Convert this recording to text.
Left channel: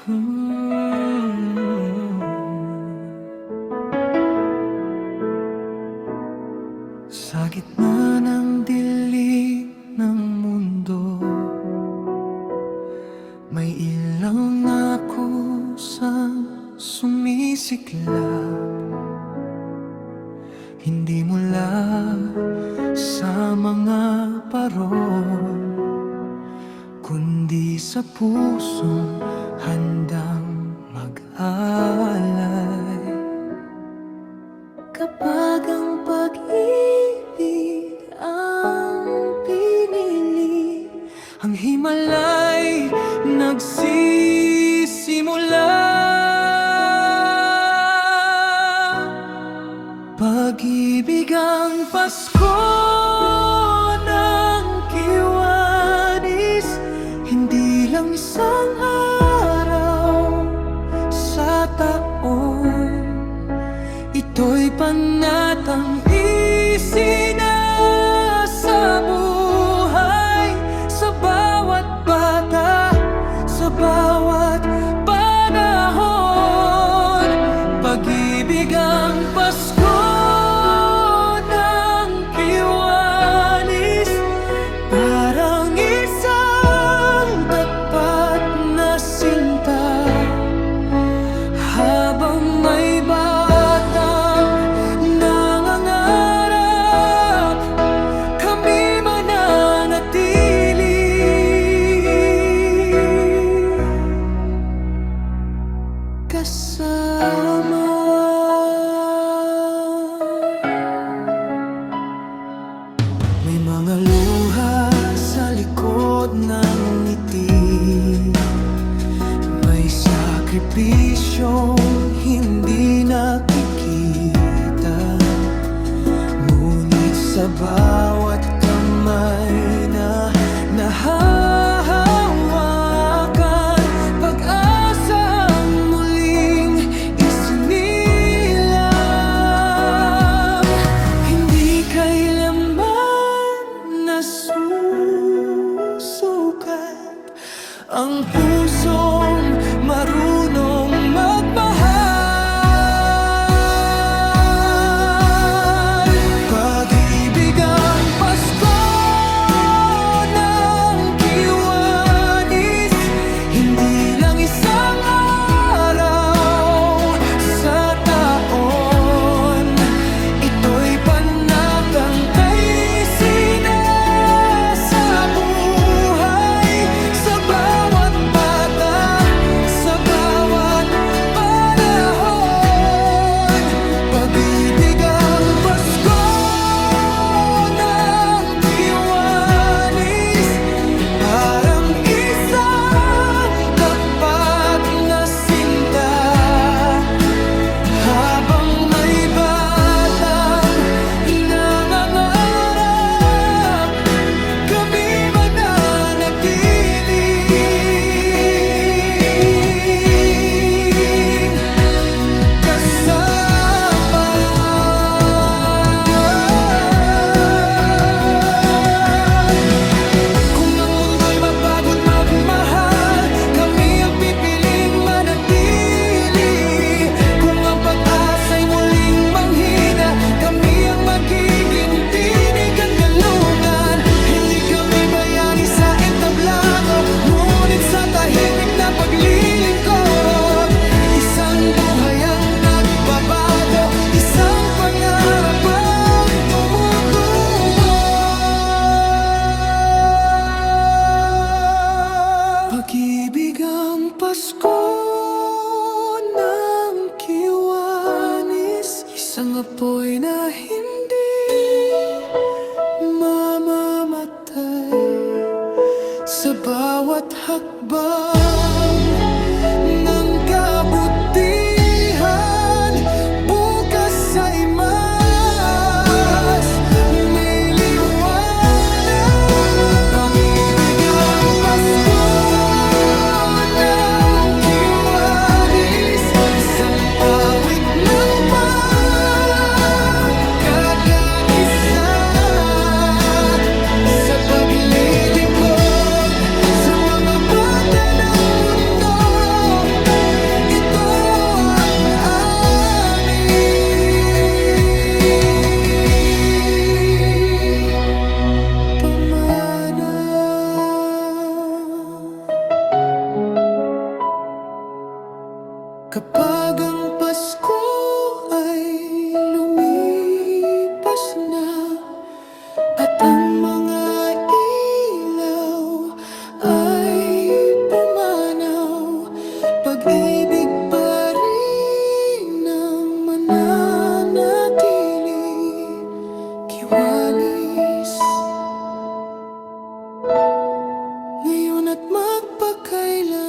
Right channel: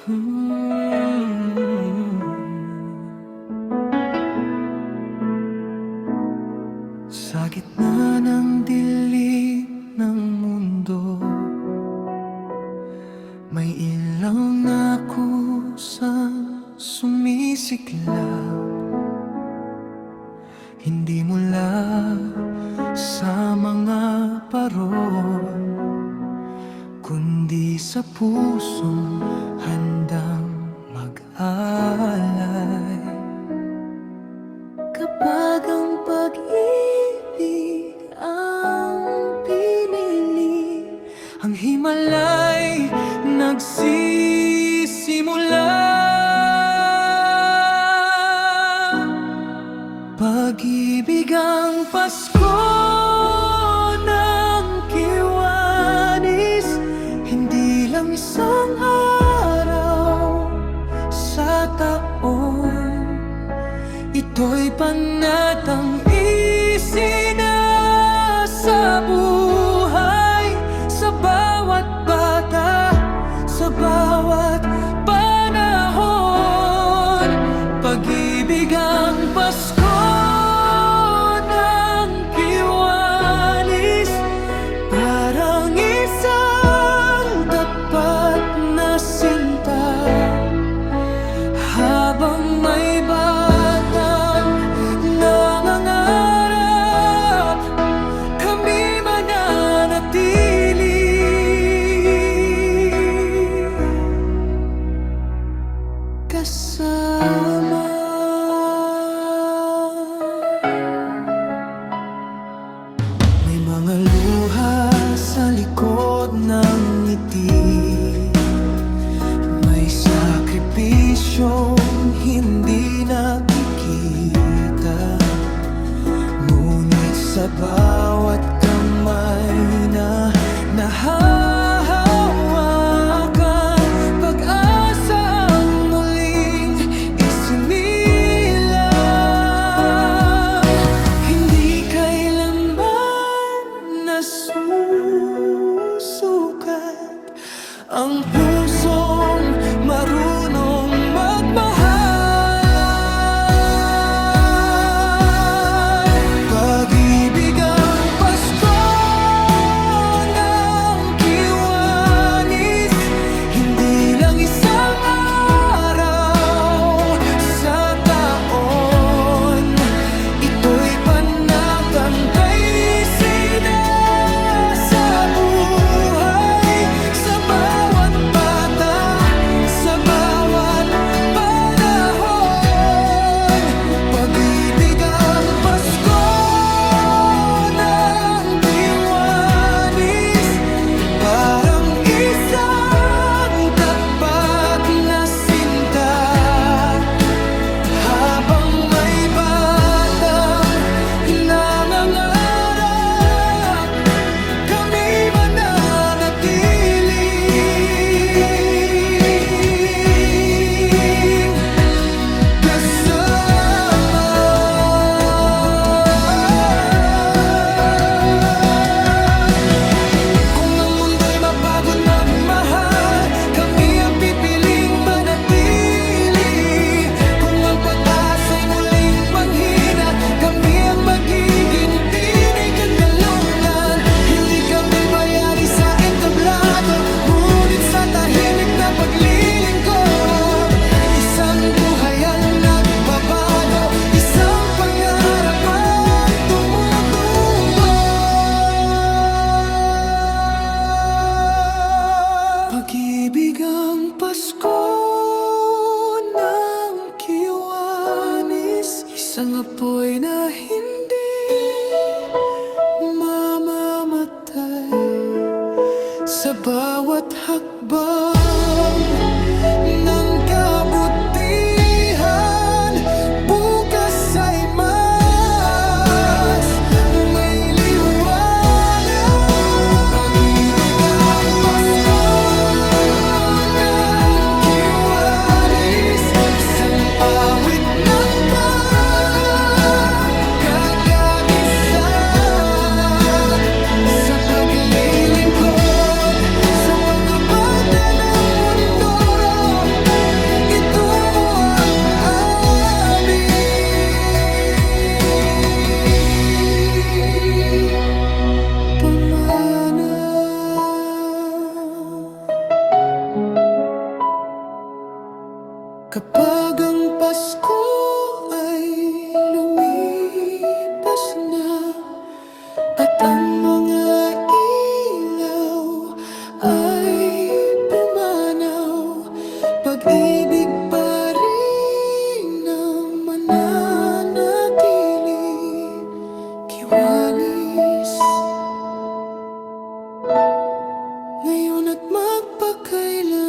Sa gitna ng dilim ng mundo, may ilaw na kusang sumisiklab. Hindi mula sa mga parol, kundi sa pusong handang mag-alay. Kapag ang pag-ibig ang pinili, ang himalay nagsisimula. Pag-ibig ang Pasko ng Kiwanis, hindi lang isang araw sa taon. Ito'y panatang isinasabuhay sa bawat bata, sa bawat panahon. Pag-ibig ang Pasko ng Kiwanis, parang isang tapat na sinta. Habang may batang nangangarap, kami mananatili kasama. May mga luha sa likod ng ngiti, may sakripisyong hindi nakikita. Ngunit sa bawat kamay na nahahawakan, pag-asa ang muling isinilang. Hindi kailanman nasusukat ang pusong marunong magmahal. Pag-ibig ang Pasko ng Kiwanis, hindi lang isang araw sa taon. Ito'y panatang tayo'y sinasabuhay sa bawat bata, sa bawat panahon. Pag-ibig ang Pasko ng Kiwanis, parang isang tapat na sinta. Habang may batang nangangarap, kami mananatiling kasama. Kung ang mundo'y mapagod magmahal, kami ang pipiling manatili. Kung ang pag-asa'y muling manghina, kami ang magiging tinig at galungan. Hindi kami bayani sa entablado, ngunit sa tahimik na paglilingkod. Isang buhay ang nagbabago, isang pangarap ang tumutubo. Pag-ibig ang Pasko ng Kiwanis, isang apoy na hindi mamamatay. Sa bawat hakbang ng kabutihan, bukas ay mas may liwanag. Pag-ibig ang Pasko ng Kiwanis, isang awit ng pagkakaisa sa paglilingkod sa mga bata ng mundo. Kapag ang Pasko ay lumipas na at ang mga ilaw ay pumanaw, pag-ibig pa rin ang mananatili, Kiwanis. Ngayon at magpakailan